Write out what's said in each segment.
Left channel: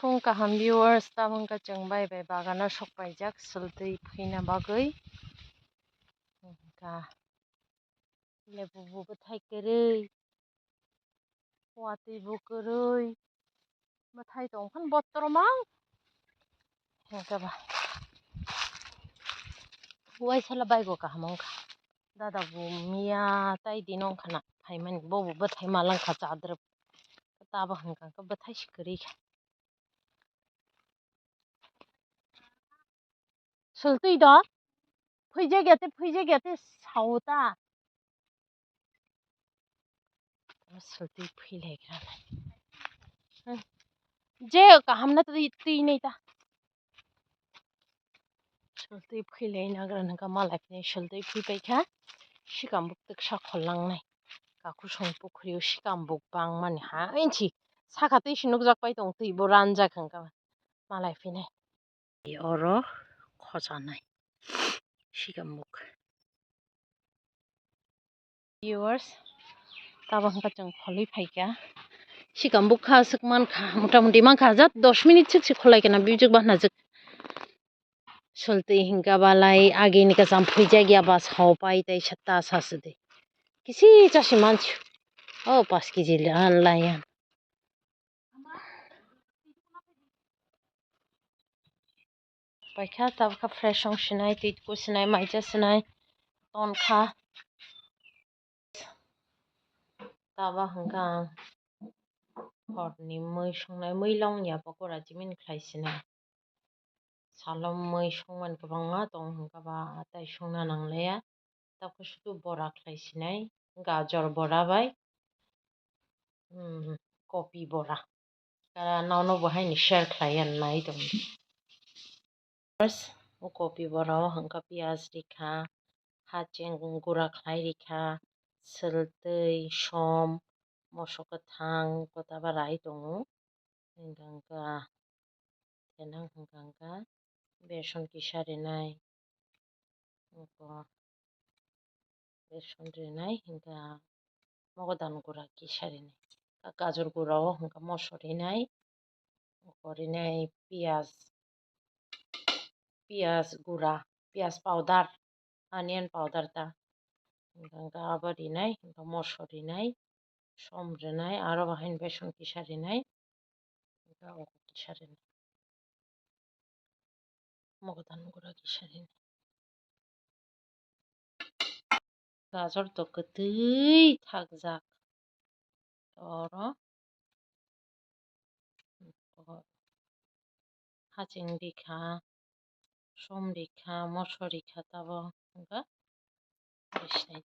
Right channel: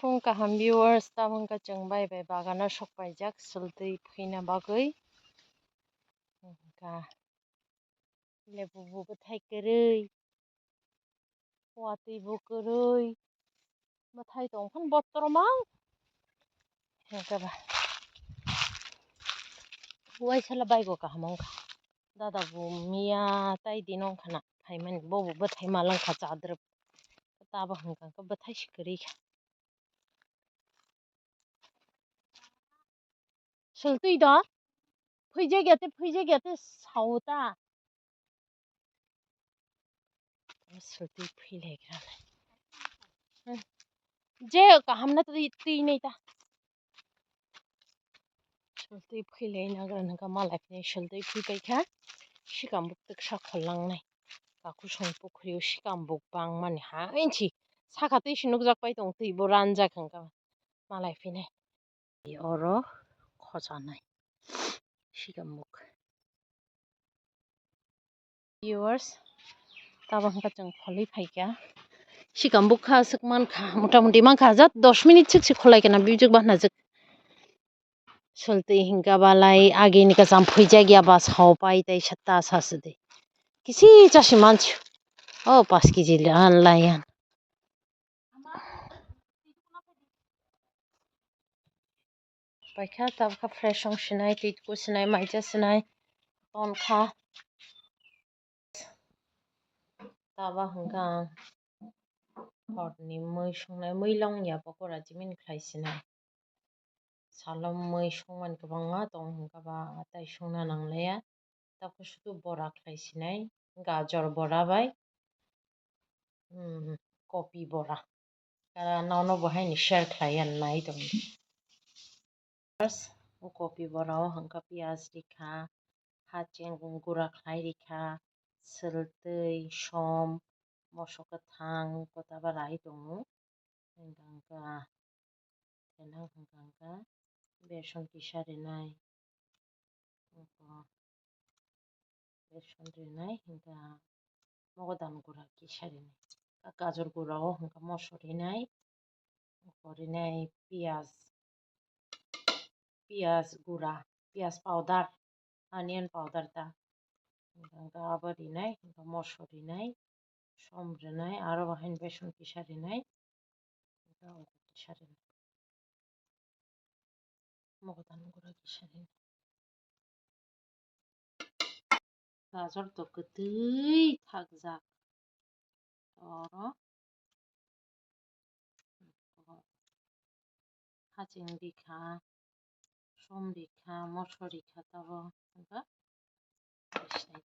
फुं गाहाम viewers तामंगा जोंबाय बे बागाना सकबायजाक सल्दै फैना बागै का लेबुबो थाइगोरै वातैबो गोरै माथाय दंफां बत्रमां हेंगाबा हुवाय साला बायगो गाहामंका दादा बुमिया ताइदि नंखाना फाइमान बबो बथाय मालांखा जाद्रब ताबा हंका बथाय सिकरै सल्दै दा फैजे सावता सल्दै फैलायग्रालाय जे गाहामना दै नै दा सल्दै फैलायनाग्रा नोंका मालायफोरनि सल्दै फैबायखा सिगांबो साखलांनाय गाखु सं पुखरियाव सिगांबो बां माने हायनथि साखाथै सिनुक जाकबाय दं दैबो रानजाखांगा मालाय फैनाय अर खजानाय सिगांबुक viewers ताबा जों फलै फाइगा सिगांबुक खासक मानखा मथा-मथि मानखा जात 10 मिनिट से खलायगोना बिजोक बानाजोक सल्दै हिंगाबालाय आगेनि का जाम्फै जायगायाबा सावबाय दै सत्ता सासदे किसी जासि मानसि ओ 5 केजि लाया बायखा ताबका फ्रेश संसिनाय टिटको सिनाय माइजा सिनाय तनखा ताबा हंगा हरनि मै संनाय मै लावनिया पकरा जिमिन खायसिनाय सालम मै संमान गोबाङा दं हंगाबा ताइ संना नांलाया ताबको सुदु बरा खायसिनाय गाजर बरा बाय कपि बरा कारा नावनो बहायनि शेयर खायन नाय दं बस कपि बरा हंगा पियाज रिखा हाचें गुरा खाय रिखा सल्दै सम मसो गोथां गताबा राय दङ हंगा देनां हंगा बेसन किसारिनाय बेसन रिनाय हंगा मगदान गुरा किसारिनाय गाजर गुरा हंगा मसरिनाय पियाज गुरा पियाज पाउडार अनियन पाउडार ता हंगा आबारिनाय हंगा मसरिनाय सम रिनाय आरो बाहायन बेसन किसारिनाय हंगा किसारिनाय मगदान गुरा किसारिनाय गाजर तो गदै थागजाक और हाचिं रिखा सम रिखा मसर रिखा ताबो हंगा रिसिनाय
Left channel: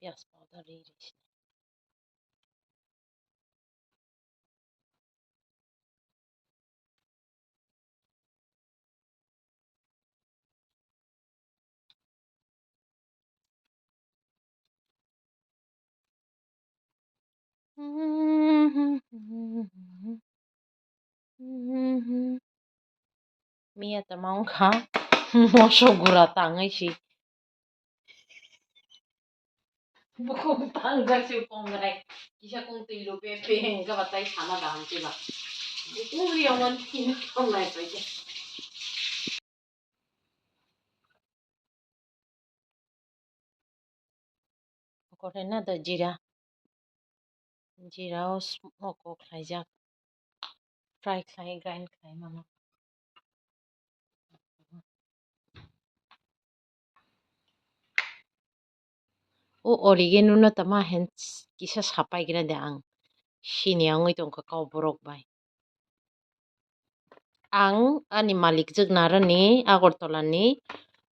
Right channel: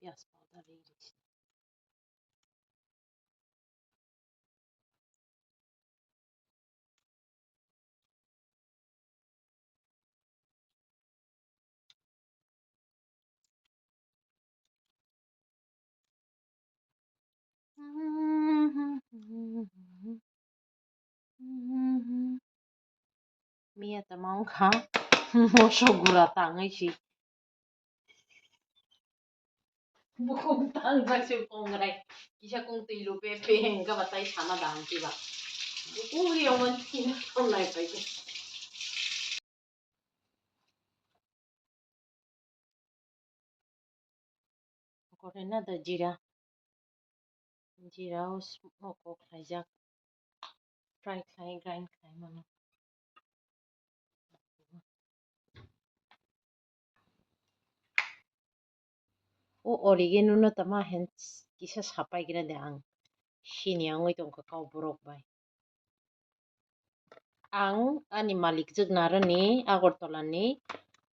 पियाज powder रिसिनाय Mia tamangka moso gura tangai si bukong tangga si kongrai kisah kong tilo pepe hingga batai sana dang tiba bukong liawan tina konglai paje korena da jira smoko khaijak fry khai grind khai mama o oregano na tama hen kisah sapai gira de ang sini angoi tong kakao borok bai ang ani malik jek narani agortola ni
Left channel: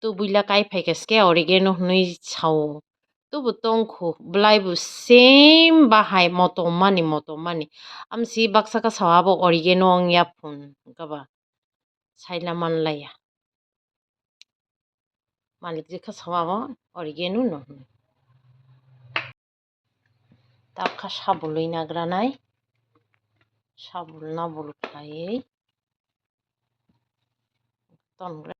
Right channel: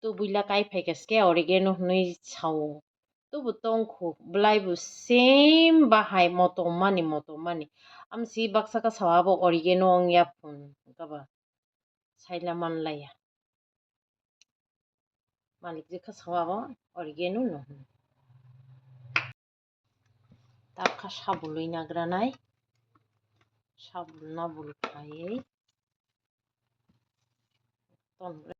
tu buila kai phaikeske oregano hnui sau tu butongkhu blaibu same bahai motomani amsi baksa ka sawabo oregano ang yapun kaba saila manlaya malik jekha sawabo oregano no takha sabului nagranai sabul nabul khai tongra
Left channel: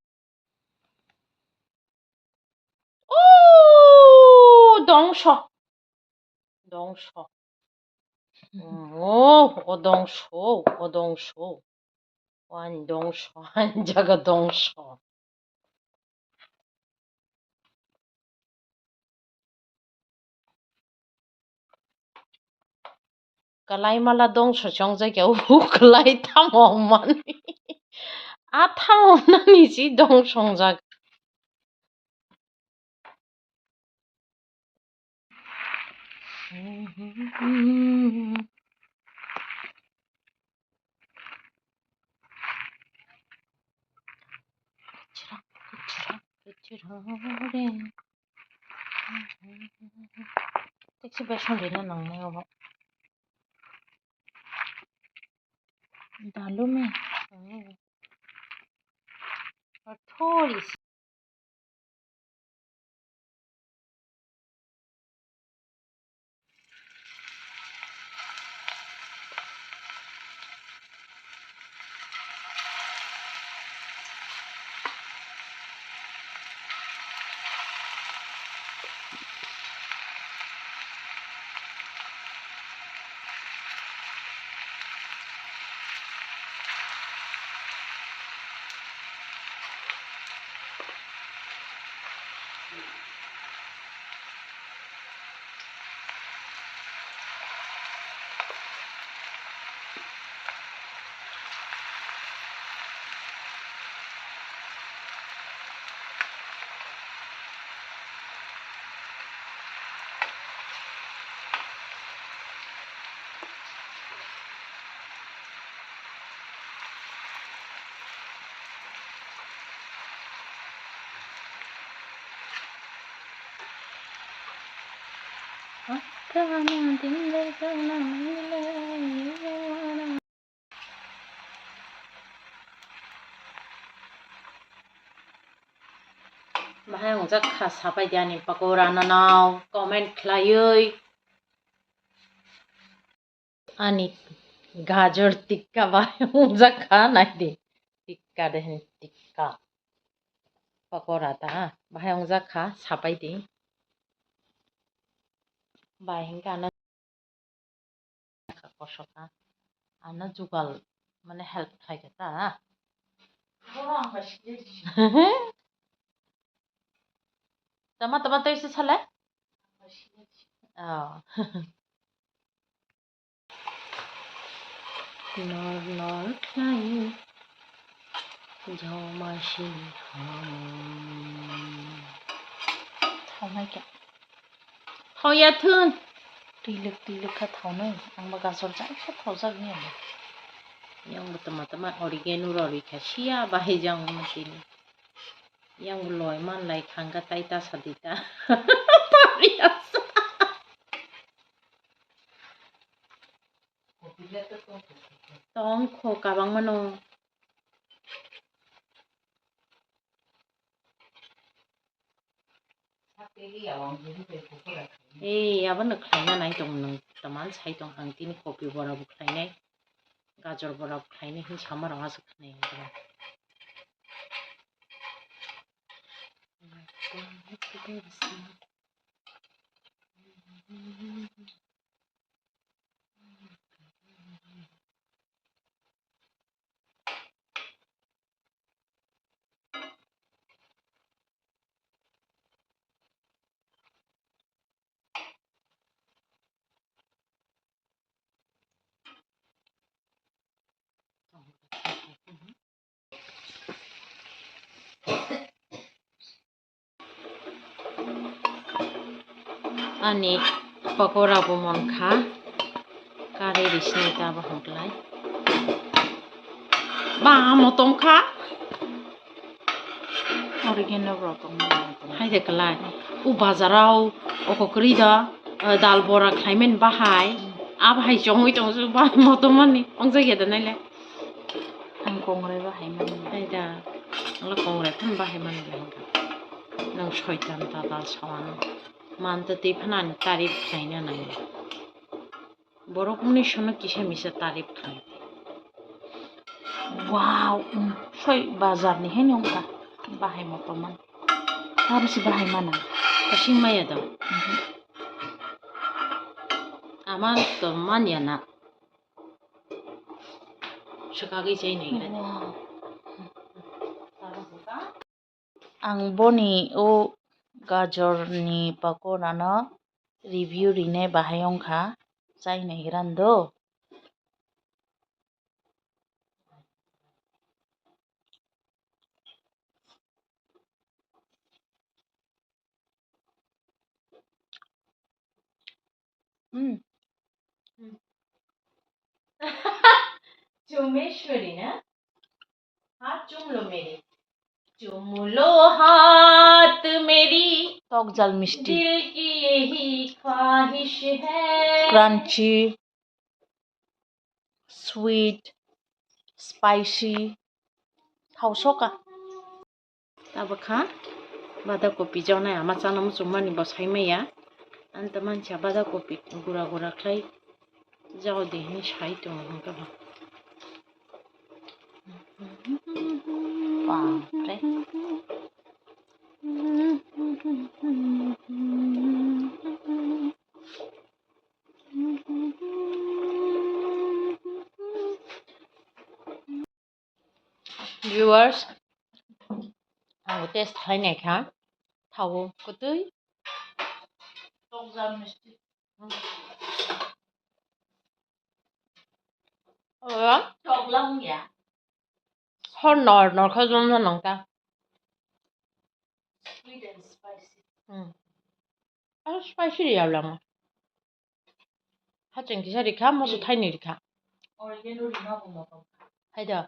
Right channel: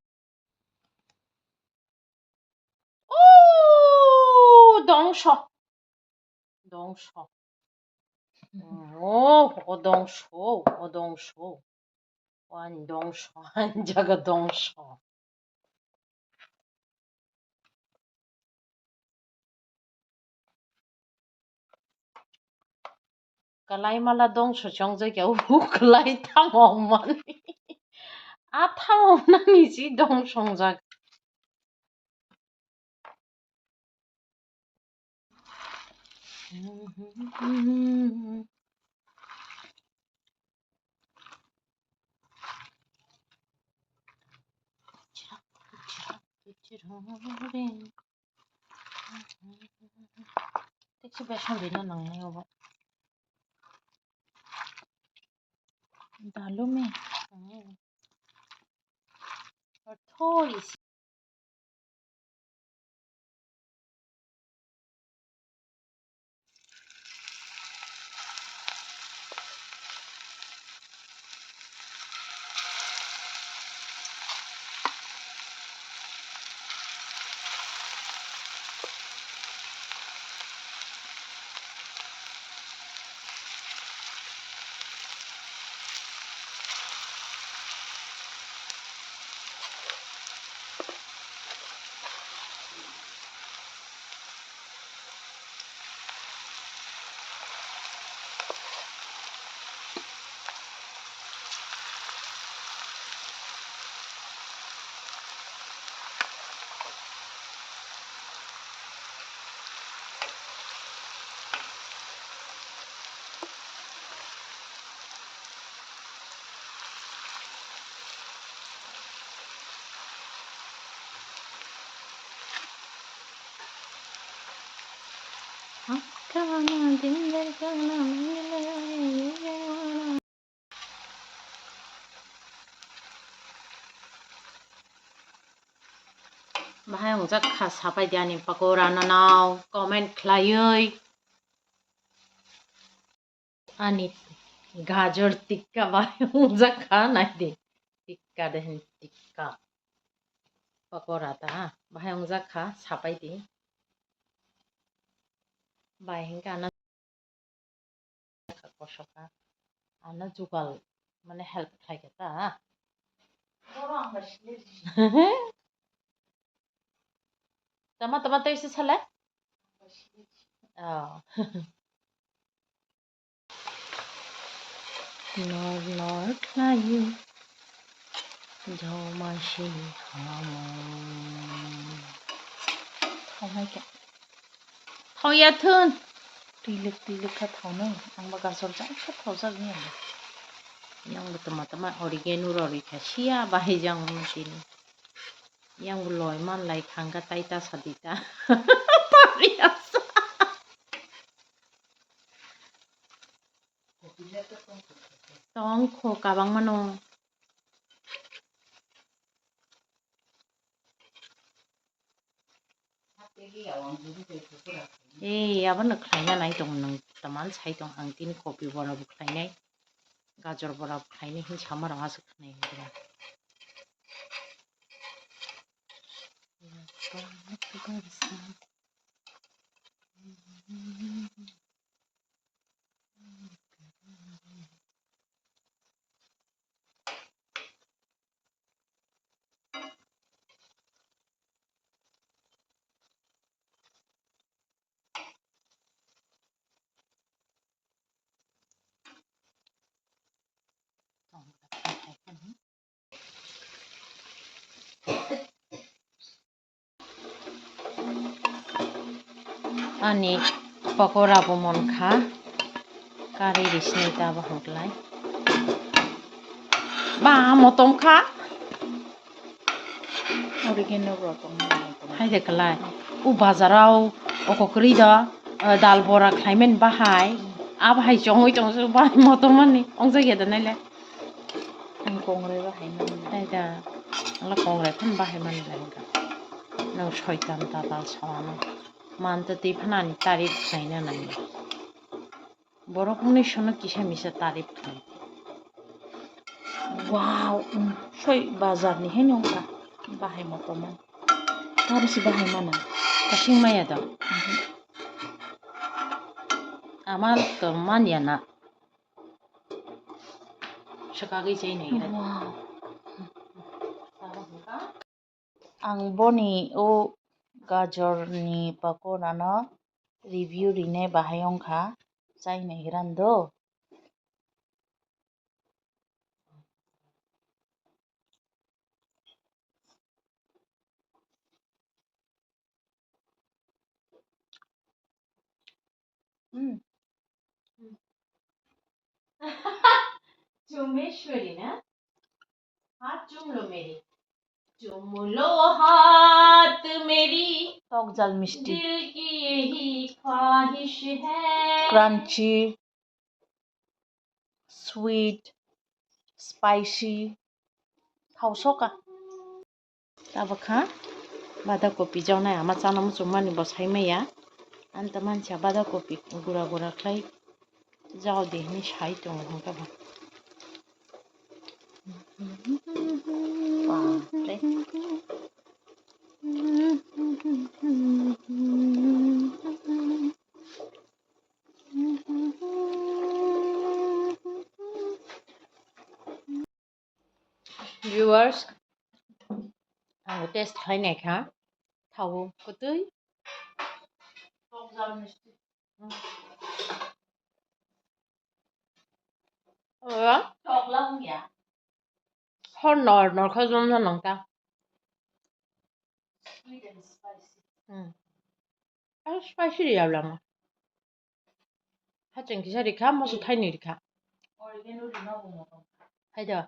dongso 어동쇼, 완동쇼, 한자가 동쇼. kalai mala dong so chong ja kyau kalai thang man a thang na ni ji dong song ja 택시 배송비는 낭네요 봐 달로메 토리 Bahaya ngajak khas sapai diani pakora nanau comment khlayoi ani gajar tikka bahaya ngajak kha nai de tikka dehen tikka pakora ta bahaya ngajak kha sapai de bahaya ana kosoka ana jugal mane help khaike ta tama tama to ise chale no khlayu jomasi thawai ke thawya thun tilik kha thawnoi angba gasol ja kha thawjak ni yang tama oregano rori kha sia bahai jang mutini yang loi man lai khangga taita sadita tong kho kabang mano abang khlaina nai tong nang taman sai tong ang tin kopi bora bu khlainai gajar bora bu khlainai hin samar ha su khnai ani pakora bu mon kha kari risne ta ba hoklai ba motom kha oregano rotong hai de kala u bazarau okokri da dal bora khaimen bahai bahai chongoi chong su ba motomani ongja ge da nai la ang kongre bahai man dai da ala kongre kham bahai man la nang shoitan ta dal sawano mante te phanan tarif khaina nang borokni shono kisa misa tarif khai wow soi bazar ni he nongka bahai motoman tarsi bahai mana kasing maya da Aman to maniana. Sekali saya ni. Ang boni o gajor ni pakora no review rine bahayong kha chai na hirando. चुमेश्वरी ना हाथ चूम लो मेरी चूम लो हाथ मेरी talk जल मिष्टी दिल की यही ख्वाहिश है क्रंची स्वीट स्पाइसी थाव सोका तब खा बादा कॉपी जावनाय आमा चाना मुसुमानी बसाई मैया अंत मानसिया बादा कॉपी गुरा गुरा खाई जाओ देहनी साई तो हमका बा बापरे viewers aku टेस्ट खालायनाय खा थाव गोदै hor nor khajom na nangta sweet and spicy spicy ya lang ha cheng ki sari kha mo su thai ni kha oregano ri na mo hai da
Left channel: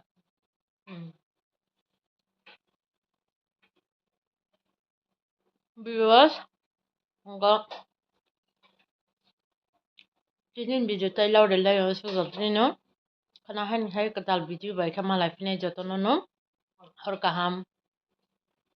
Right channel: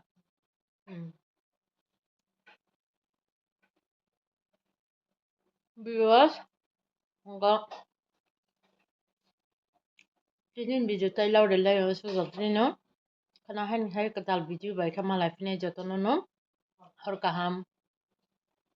viewers nga Jinin video tay lau de lai su zal no kana han hai ka dal video bai kha malai fine jotono no hor kaham